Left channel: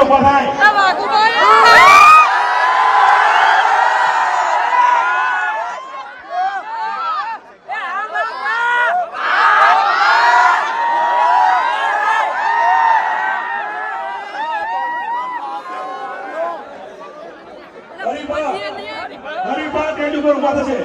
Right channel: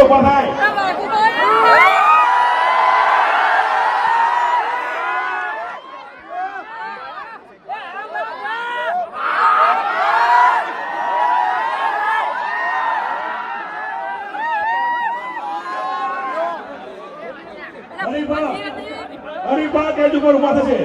ઊભા થાય હરિભા હરિભા ટેટી પર ઊભા થશે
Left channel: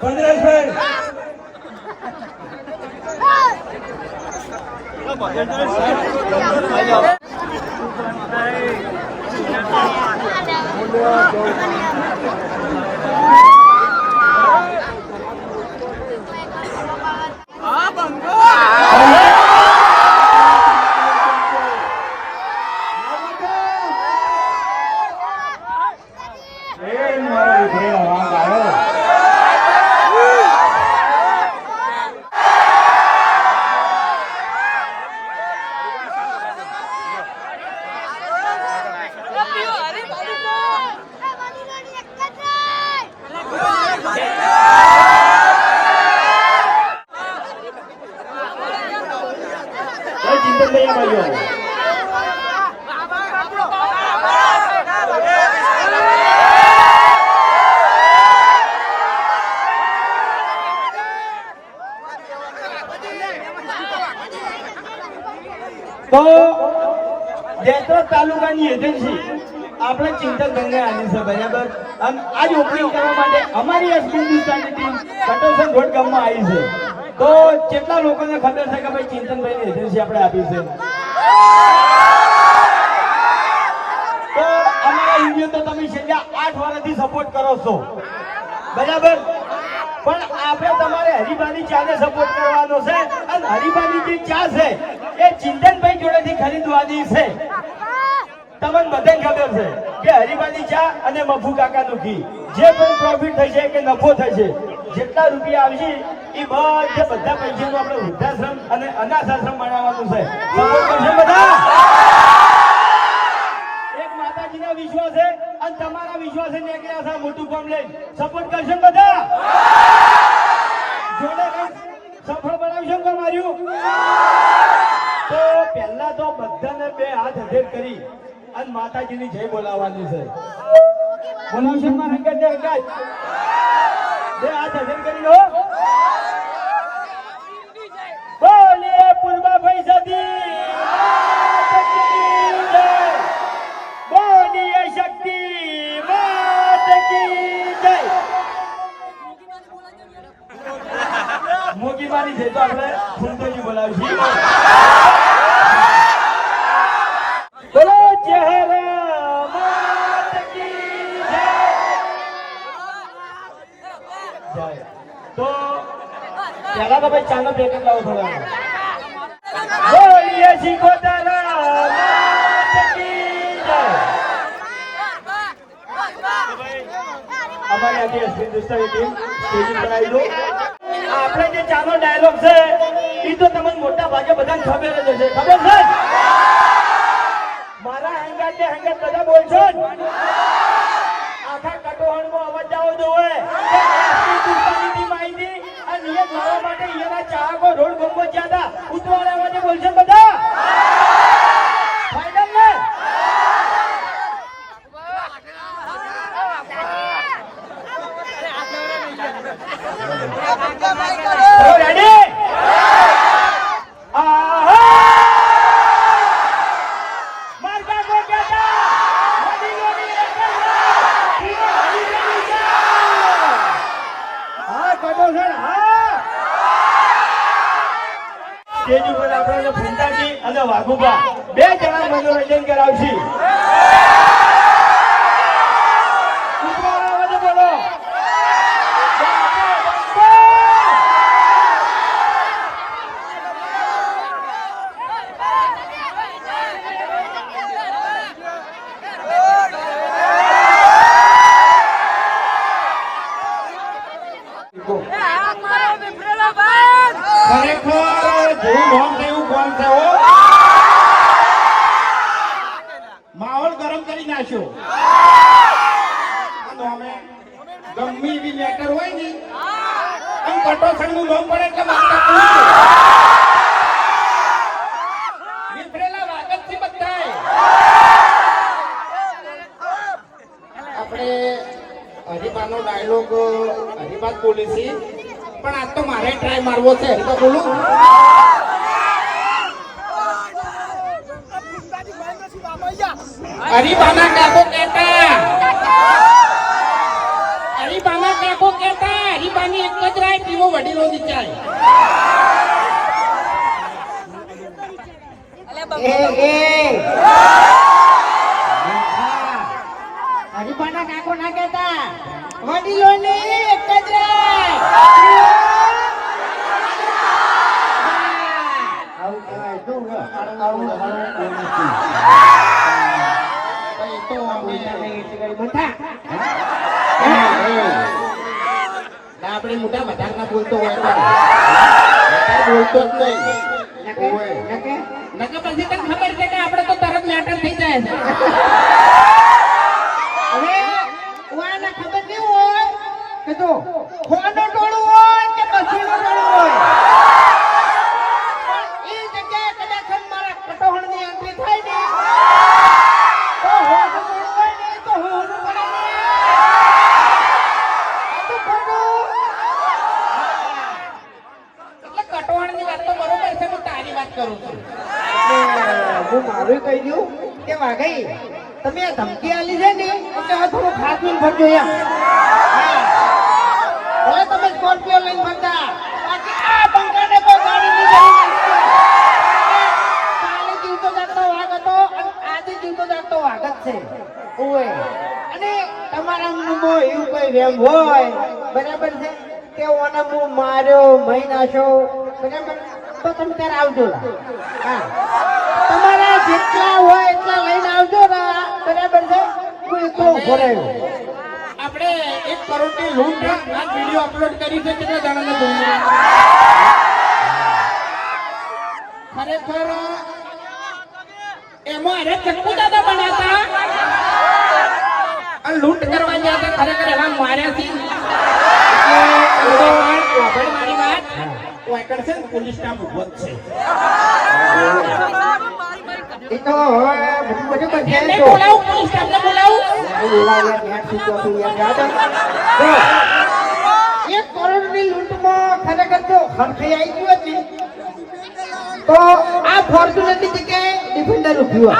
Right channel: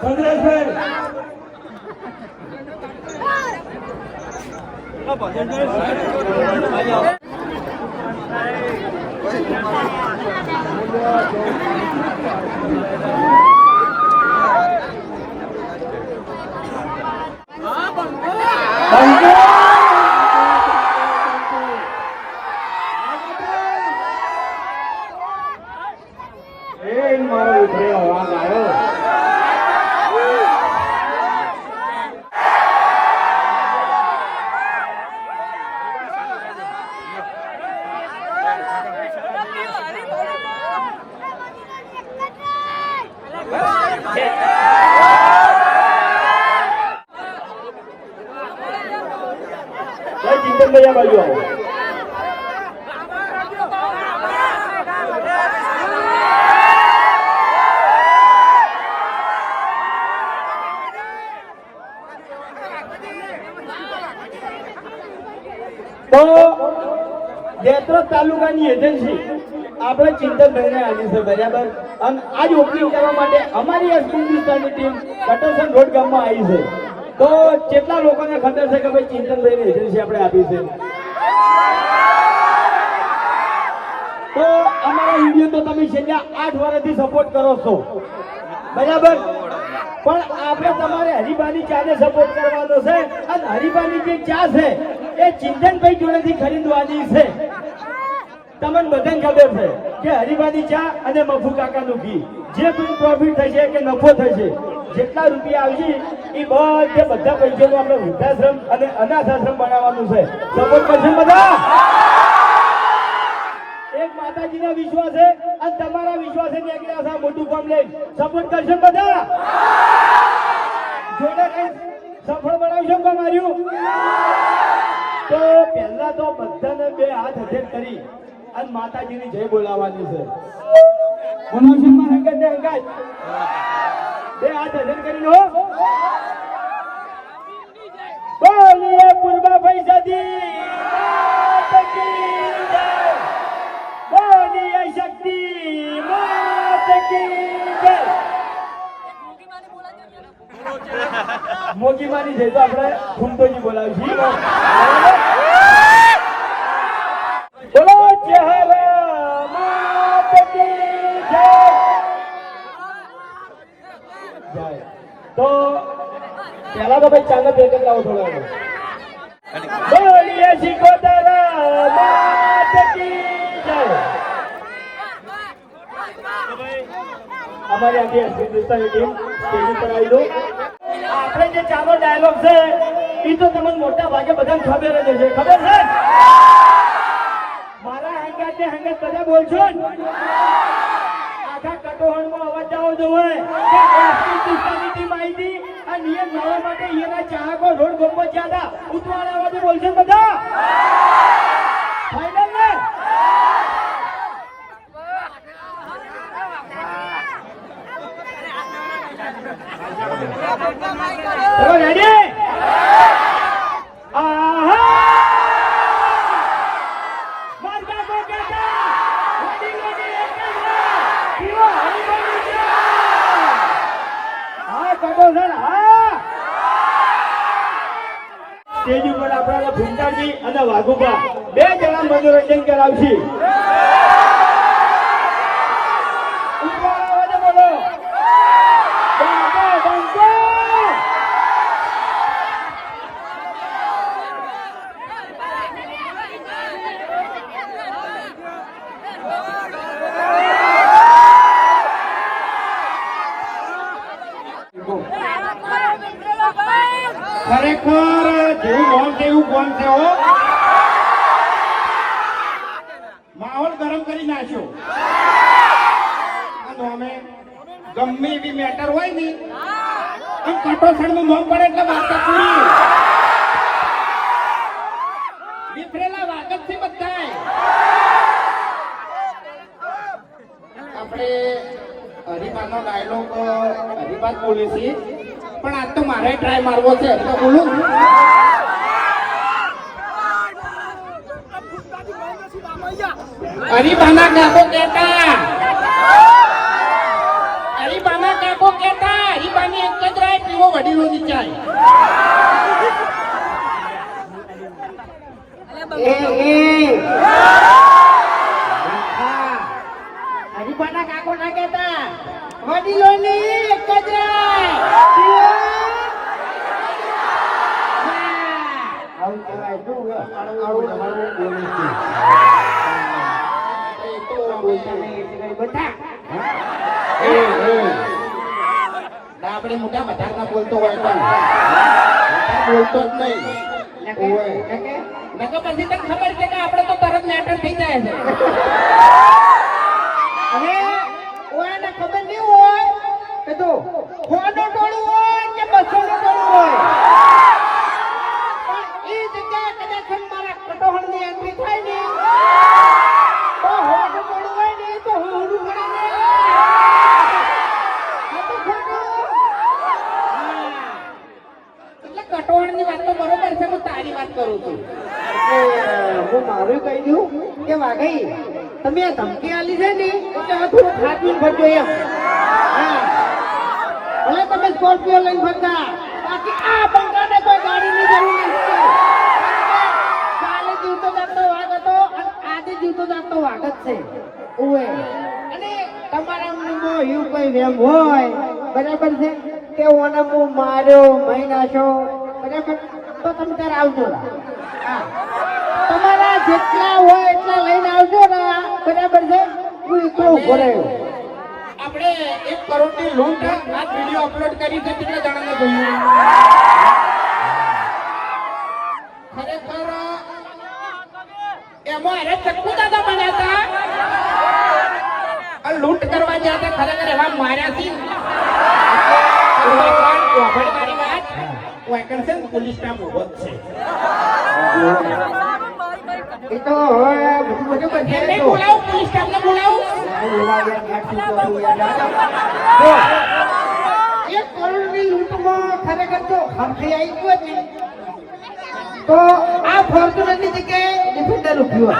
快点退！那保健员啥人？来交。哎，哎，哎，哎，哎，哎，哎，哎，哎，哎，ચિંતન લઈ ભાઈઓ તો તાલુકાની એજન્સી આપણે ચિંતનભાઈને આવી છે, બરાબર? અને આજ ઓપનિંગ કરવા માટે અમારી એસપી હિન્દુસ્તાનની ટીમ કટોસન રોડ ગામમાં આવી છે. તો કેટલા લોકોને ખબર છે કે ભાઈ ચિંતનભાઈની એજન્સી આપણે આપી છે? તો અમારા વીડિયો તો તમે છેલ્લા આઠ વર્ષથી સપોર્ટ કરો છો. બરાબર? પણ આપણે તમારે હરિભાની ચાને સપોર્ટ કરવાનો છે અને હરિભાની જે ચા છે, એ ચિંતનભાઈ જોડેથી ખરીદવાની છે. તમને બધાને ખબર છે કે હરિભાની ચા અને મફુ કાકાનું ઘી. જે પણ પ્રોફિટ થશે કે નફો થશે. જેટલા રૂપિયા આવશે એ બધે બધા પૈસાનું આપણે વૃદ્ધાશ્રમ અને અનાથ આશ્રમ બનાવવાનું છે. સમજ કરશો બધા. એક માતાજીના છે અને તમારા વિશ્વાસે નીકળ્યા છે મોટું કામ લઈ સપોર્ટ કરશો બધા. જોડે સફળ બનાવશો કામ માર્યું? તો પહેલા તો બધાને બે હાથ હથેર કરી અને માતાજીની જય બોલાવવાની છે. બોલાવશો મારા હંગાત બે હાથ હજન કરી લો બોલીએ પૂર્વા પૈસાથી બોલીએ શક્તિ. માત કી જય. મોગી માની છે તો આપણે ફૂંદોજી બોલાવશું બોલો ચહેરે માત કી જય જય તો પહેલા તો ભાઈ ચાલો પેકેટ લાવો થોડા બોલીએ શિકોતરા માત કી જય. અમારી આખી હિન્દુસ્તાની ટીમ સ્ટેજ પર આવી દો આપણે જે ચાલો ડાયલોગ છે, એ તો તમને મોટા ભાગે બધાને ખબર જ હશે. ખબર છે? મારા હંગાત ને હંગાત બધા બોલશો? આખા કટોહણમાં અવાજ આવો જોવે ના નિયમ લાવવા માટે અહીંયાના ચાહકો રોડ ગોમો જ્યાં હતા. ઉતવાડામાંથી બોલશે બધા? ફાઈનલ અને વાઘુબા બે જણા મનોરંજન કરાવશે ઉપર અવાજે બોલો બંકો, બંકો. ખરેખર જેવું ગોમ છે એવું ગોમ છે કરી નાખ્યો. અમે ગમે એવી મેટર હોય ને, આમ કટોસણનું લોમ પડે એટલે વાર્તા આપણે હરિબાનો ડાયલોગ હરિબાદ બોલી પણ આજ તો મારે ટ્રાય મારવો છે. તો બોલું. હરિબાના કાકો કહેતા. હરિબાના કાકો કહેતા હરિબાની એક જ રાય પીવો વડીલો ની ચાય એ એ. હરિપાના કાકો ના કહેતા વડીલોની એક જ રાય. એટલે કઈ બધા. ના, આપણે મોટા બોલતો હોય તો વધારે બોલતો જ નહીં ઓય. ના નકર પછી ખબર છે કે આપણે તો તરત લેટર થઈ જાય છે હવે ઓયાને ખબર નહીં હોય કે જો ફોન ટોળું હોય કે બસો ટોળું હોય પણ ઈ જગ્યાએ કદાચ મારા કટોહણની entry થાય ને તો હોનું ટોળું હોય ને ઈ તો હોનું પડે ને. આ તો ખોટું. હા. એટલે કટવાણની વાત આજે જીવતો જાગતો છે. અને તમારા મનમાં એવું કોઈ વેમ હોય. બરાબર છે? કે માર્યો મહી નાખ્યો? બરાબર તો તમે તારે આવજો. હા. તમારા જેટલા હોય એટલા લઈને આવજો ને બરાબર છે? હું એકલો ઊભો રહ્યો. આપણે એક કરોડની લૂંટ આ વીડિયો અપલોડ કરી છે કેટલા જણાને જોયું? ખરેખર એમાં અરે ચક્કુ દાદા બનાતા લૂંટ કરવા જ્યાં ખરેખર એમાં માર્યા છે ને એ તો એમને બોલાવું પોલીસ સ્ટાફને બોલાવું. એક કરોડની લૂંટમાં ખરેખર જો હરખઈ આવી ગયું જ તો આ ફોર્ચ્યુનરની જગ્યાએ ડિફેન્ડર ઉભ્યું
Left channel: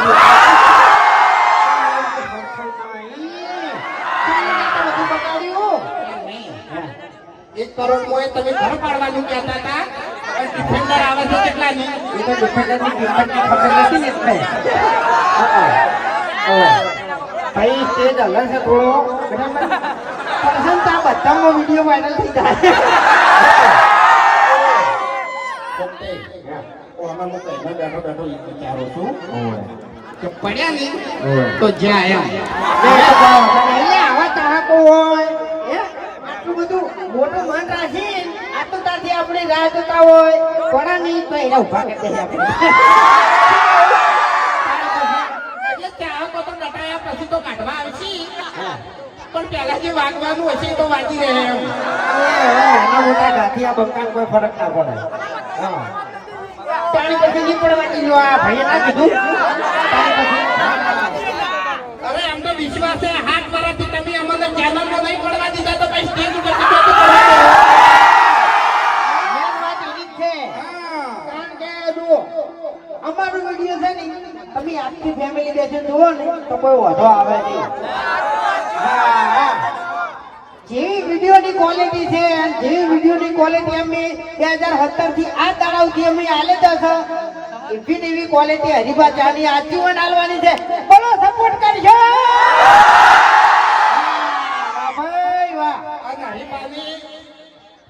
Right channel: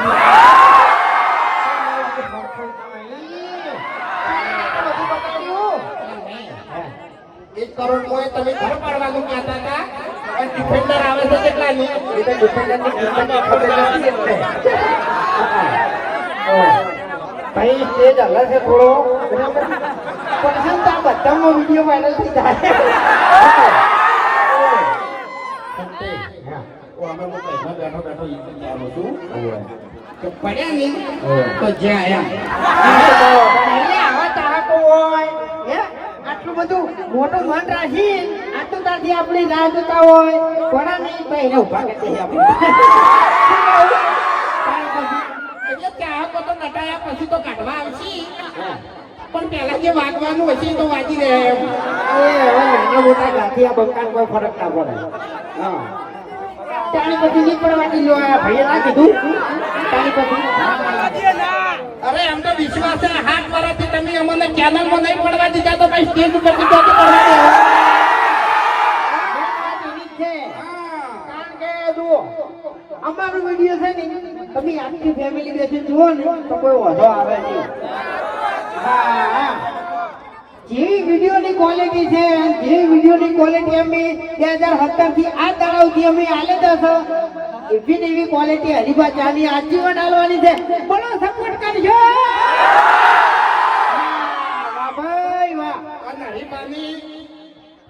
એક કરોડ હોય તમે ઘર પાડવાનું કહેતા હતા. ડિફેન્ડર આવે એ તો ડિફેન્ડરની કિંમતની ખબર નથી ને. એટલે. ઓહ. ભાઈ સ્ટેજ અલગ છે થોડો. તો આ બધાનો વીડિયો વાયરલ થઈ જાય. પડ્યા નહીં તો જ્યાં આવ્યા આવા ચાહકો હોય? આટલું બધું મોટું મન રાખી ત્યાંથી આપણી રાહ જોતા હોય. થોડા નહીં તો એને ઊભા કરી દે તો નટાયા પછી તો કાઢવા આવશે. પણ પહેલા જે વાગવાનું હશે તો વાગી રહે. એ મોટા ગાથી આ બંકાને કોઈ ફરક ના પડે પાણી પછી જે પણ વાંચી લો આ ભાઈએ ના કીધું. પાણી પછી અરે, એમ તો વિશ્વાસ છે. હાથ પરથી તમે નહીં પડવા દીધા તો ભાઈ સ્ટેજ ઉપર તો પડવા જ કે અમારો વીડિયો છે ને, તમે આખી ફેમિલી બેસીને જુઓ ને, તો કોઈ વાંધો આવે નહીં. હા. વિડીયોની ક્વોલિટી છે જેવી વિડીયોની ક્વોલિટી અમે બે હજાર સત્તરથી આ તળાવથી અમે આલે દસ એવી ને એવી ક્વોલિટી હરીફા ચાની આજીવન આલવાની છે. બોલો સપોર્ટ કરજો. હરિબાની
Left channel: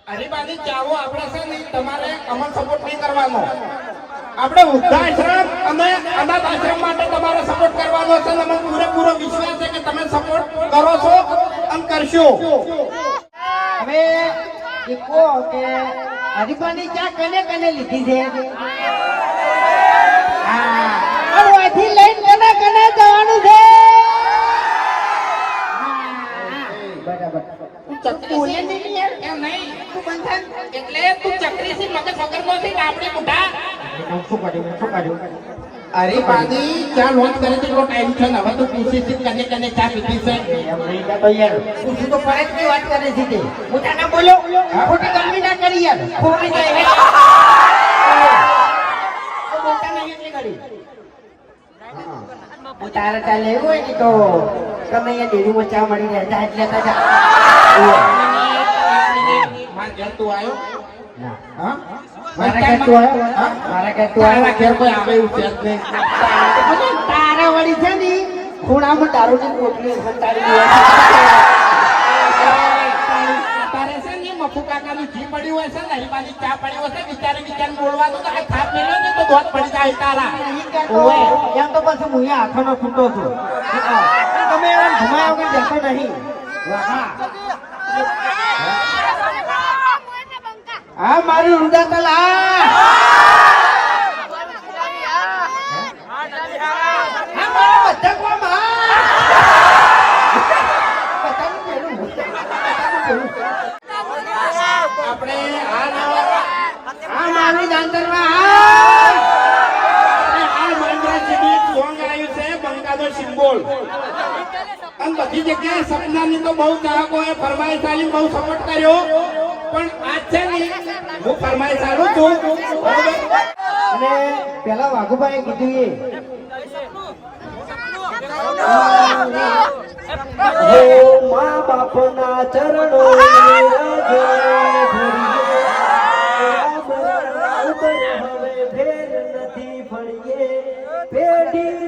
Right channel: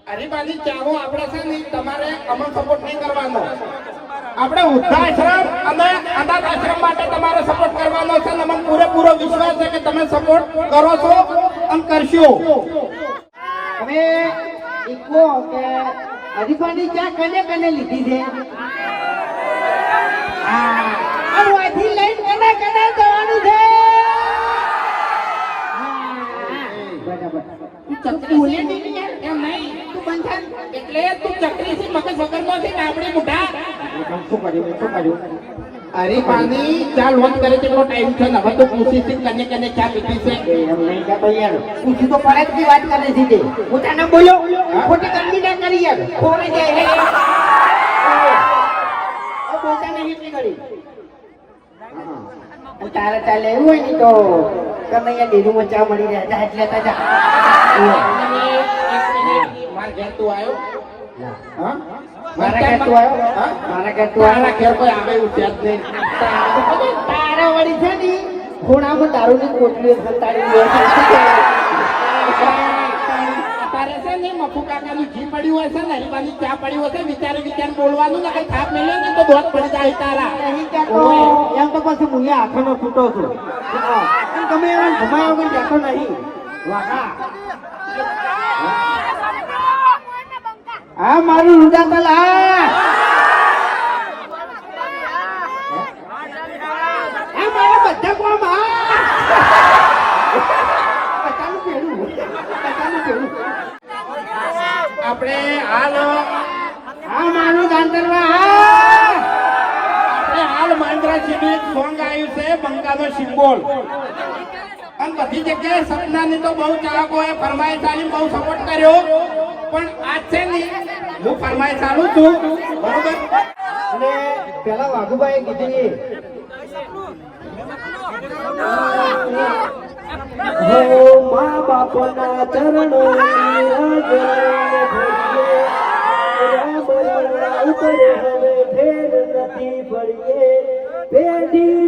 હરિબાની ચાવો આપણે છે ને તમારે અમલ સપોર્ટ નહીં કરવાનો. આપણે વૃદ્ધાશ્રમ અને અનાથ આશ્રમ માટે તમારે સપોર્ટ કરવાનો છે અમને પૂરેપૂરો વિશ્વાસ છે કે તમે સપોર્ટ કરો છો અને કરશો. હવે કહો કે હરીફાની ચા કને કને લીધી છે? હા. તું બોલે નહીં એમ નહીં. તું બંધ થા. એટલે તું ચક્રીથી મગજ વગરમાંથી કાપડી મોઢા શું કર્યું શું કર્યું હરિબાની ચા લોન કરે તેટલો ટાઈમ છે હવે તો પૂછી છે કને કને ચા પીધી છે. એમ નહીં કહેતો યાર. પૂછ્યું તો પડે જ વાત કરે છે તે. પોતાને બોલો. ખોટી કામની ના કરી યાર. ખોટી જાય હે પોતાને એટલી કરી. હા. તારે ચાલે એવું હોય ને તો અહીંયા ડેરીમાં ચા મળી રહ્યા હતા એટલે ના. ને ને ને ચા પડી હશે વિચારે વિચાર બોલવાનું ને કે થાપ મેલ્યો ને તો બહુ પડી જાય તારા. એમ તો પછી હું અહીંયા આંખોનો છૂટો છું. તમે એમ ઘુમાવવામાં બેઠો નહીં વાહ. હા મારું રુદા તો લા હા મારા બધા કોમ હા બધાનું પહેલું. બધાનું પહેલું. આપણે હાલ હા મારું દાંતરવા હા આપણે હાલ માંડરા સુધી એક સોંગ આવ્યું બંકાનો સિમ્બોલ. અને બધી જગ્યાએ સપનાની તો બહુ ચાહકોએ ફરમાઈશ આલીને બહુ સપોર્ટ કર્યો. પણ આજ છે ને હું ફરમાઈશ સારું છું. બરોબર? અને પેલા વાઘુભાઈ કીધું એ હો મા બાપના ચરણો પેઢીનું પુણ્ય